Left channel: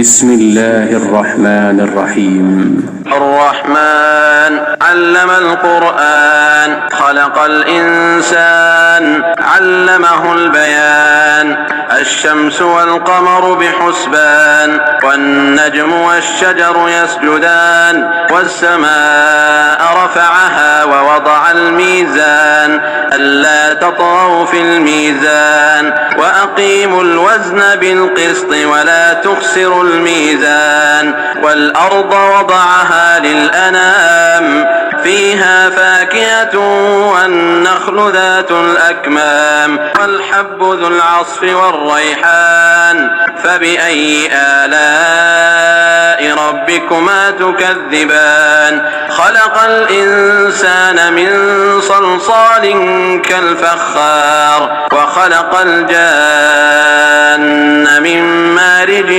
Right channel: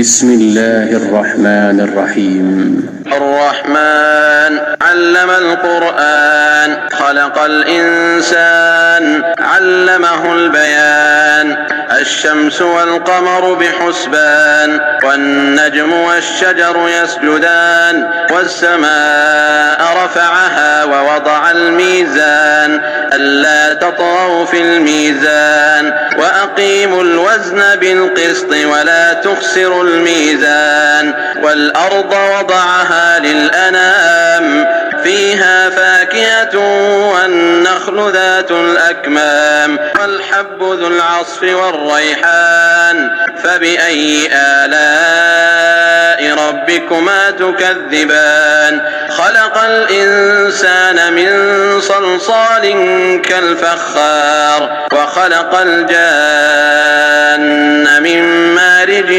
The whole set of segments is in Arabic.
بسم الله الرحمن الرحيم. الرحمن علم القرآن خلق الإنسان علمه البيان. الشمس والقمر بحسبان والنجم والشجر يسجدان والسماء رفعها ووضع الميزان ألا تطغوا في الميزان وأقيموا الوزن بالقسط ولا تخسروا الميزان والأرض وضعها للأنام فيها فاكهة والنخل ذات الأكمام والحب ذو العصف والريحان فبأي آلاء ربكما تكذبان. خلق الإنسان من صلصال كالفخار وخلق الجان من مارج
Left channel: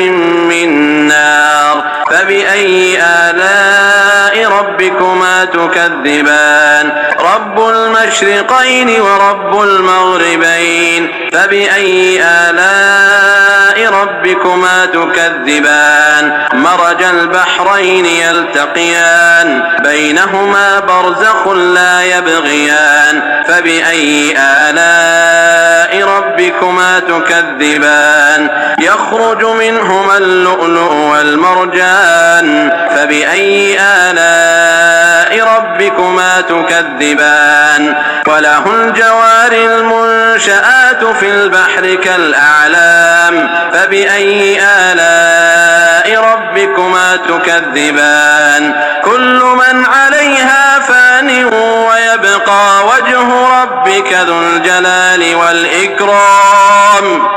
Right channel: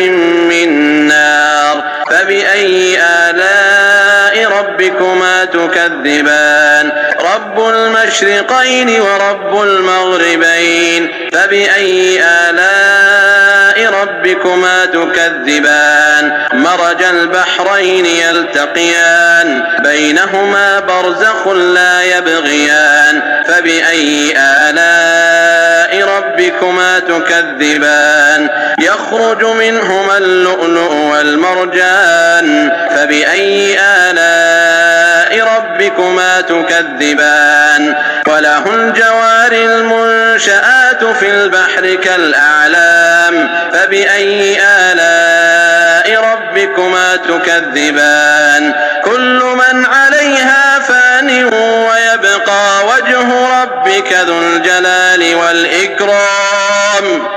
من نار فبأي آلاء ربكما تكذبان. رب المشرقين ورب المغربين فبأي آلاء ربكما تكذبان. مرج البحرين يلتقيان بينهما برزخ لا يبغيان فبأي آلاء ربكما تكذبان. يخرج منهما اللؤلؤ والمرجان فبأي آلاء ربكما تكذبان. وله الجوار المنشآت في البحر كالأعلام فبأي آلاء ربكما تكذبان. كل من عليها فان ويبقى وجه ربك ذو الجلال والإكرام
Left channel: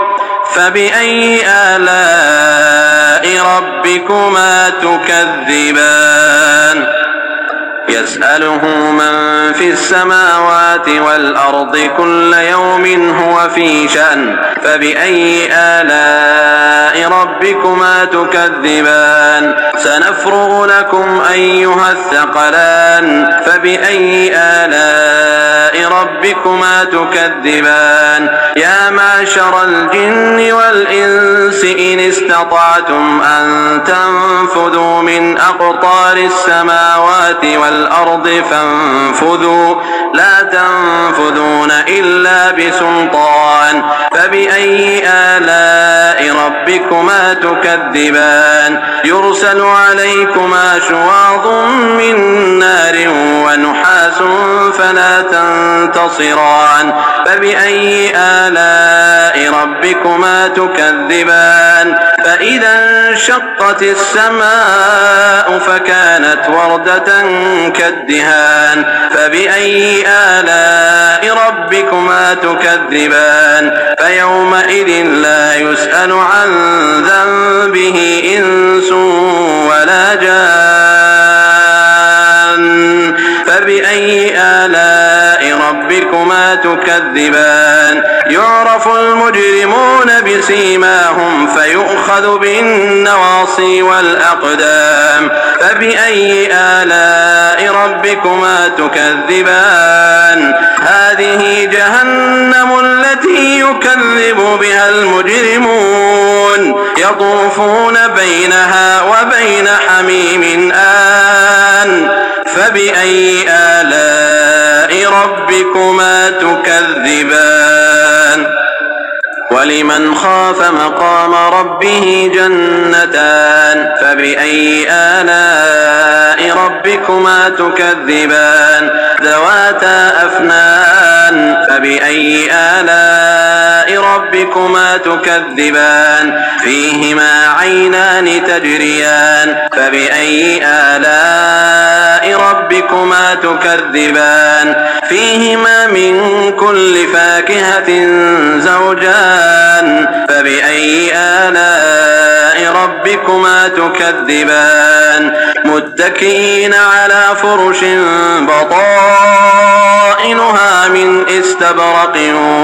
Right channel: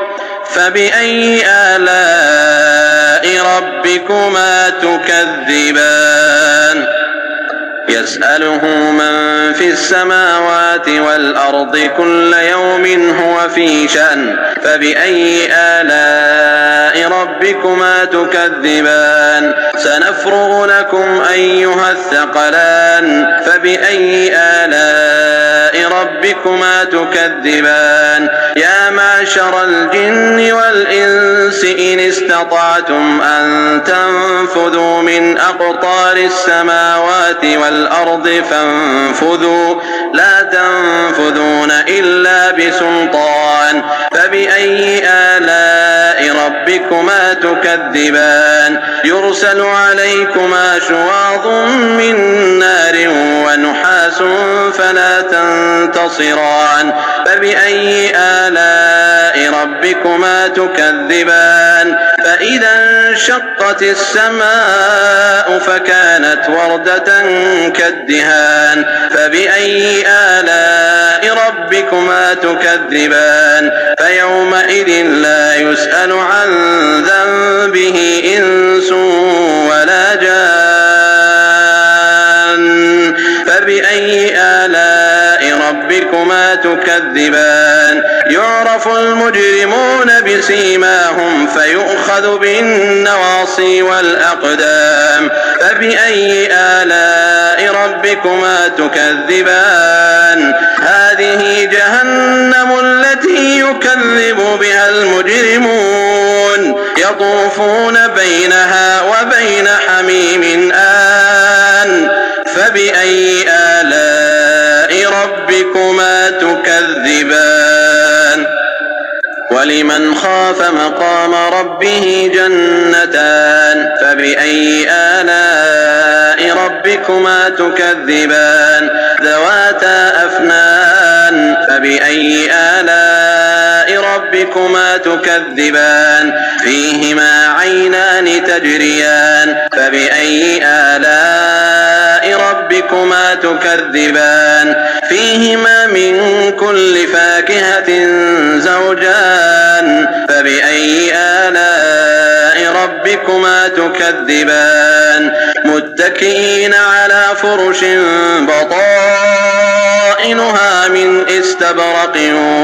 فبأي آلاء ربكما تكذبان. يسأله من في السماوات والأرض كل يوم هو في شأن فبأي آلاء ربكما تكذبان. سنفرغ لكم أيها الثقلان فبأي آلاء ربكما تكذبان. يا معشر الجن والإنس إن استطعتم أن تنفذوا من أقطار السماوات والأرض فانفذوا لا تنفذون إلا بسلطان فبأي آلاء ربكما تكذبان. يرسل عليكما شواظ من نار ونحاس فلا تنتصران فبأي آلاء ربكما تكذبان. فإذا انشقت السماء فكانت وردة كالدهان فبأي آلاء ربكما تكذبان. فيومئذ لا يسأل عن ذنبه إنس ولا جان فبأي آلاء ربكما تكذبان. يعرف المجرمون بسيماهم فيؤخذ بالنواصي والأقدام فبأي آلاء ربكما تكذبان. هذه جهنم التي يكذب بها المجرمون يطوفون بينها وبين حميم آن فبأي آلاء ربكما تكذبان. ولمن خاف مقام ربه جنتان فبأي آلاء ربكما تكذبان. ذواتا أفنان فبأي آلاء ربكما تكذبان. فيهما عينان تجريان فبأي آلاء ربكما تكذبان. فيهما من كل فاكهة زوجان فبأي آلاء ربكما تكذبان. متكئين على فرش بطائنها من استبرق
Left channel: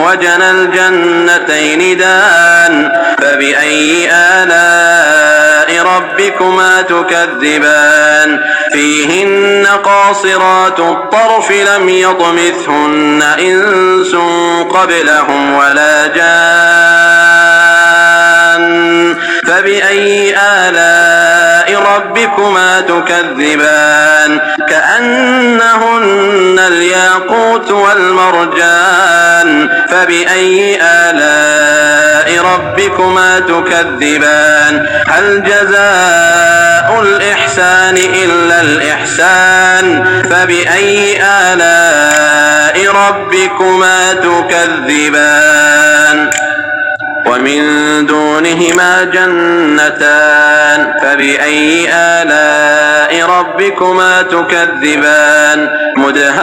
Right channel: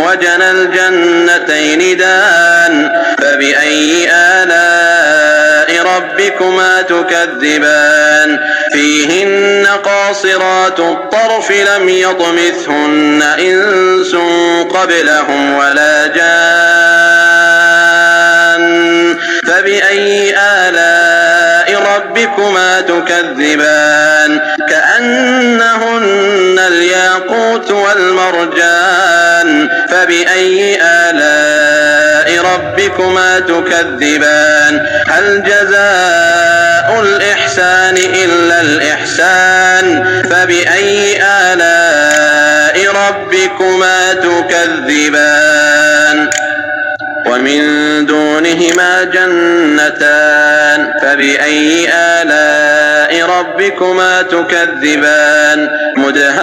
وجنى الجنتين دان فبأي آلاء ربكما تكذبان. فيهن قاصرات الطرف لم يطمثهن إنس قبلهم ولا جان فبأي آلاء ربكما تكذبان كأنهن الياقوت والمرجان فبأي آلاء ربكما تكذبان هل جزاء الإحسان إلا الإحسان فبأي آلاء ربكما تكذبان ومن دونهما جنتان فبأي آلاء ربكما تكذبان مدهامتان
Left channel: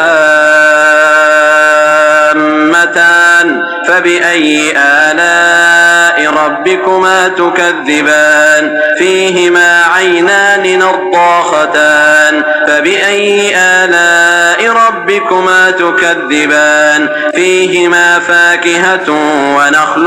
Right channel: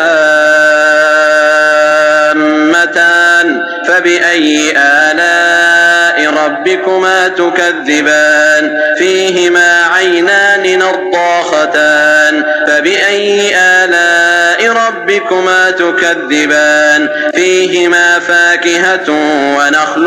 فبأي آلاء ربكما تكذبان فيهما عينان نضاختان فبأي آلاء ربكما تكذبان فيهما فاكهة ونخل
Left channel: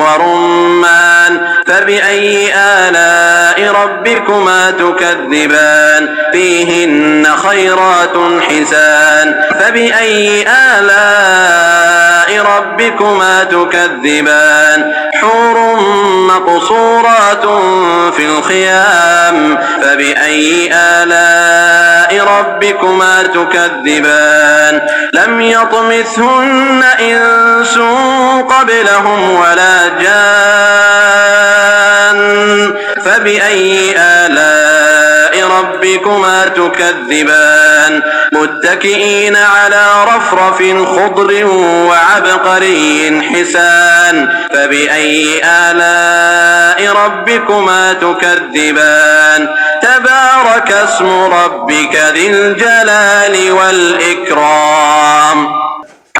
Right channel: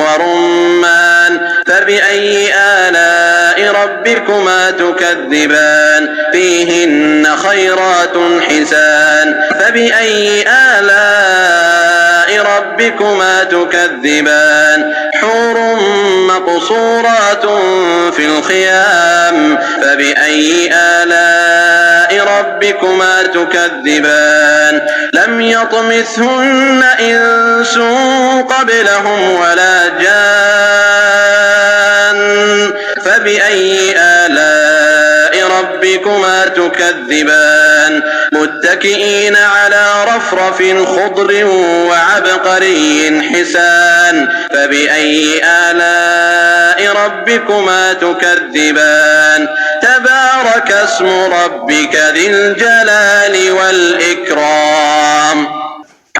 ورمان فبأي آلاء ربكما تكذبان فيهن خيرات حسان فبأي آلاء ربكما تكذبان حور مقصورات في الخيام فبأي آلاء ربكما تكذبان لم يطمثهن إنس قبلهم ولا جان فبأي آلاء ربكما تكذبان متكئين على رفرف خضر وعبقري حسان فبأي آلاء ربكما تكذبان تبارك اسم ربك ذي الجلال والإكرام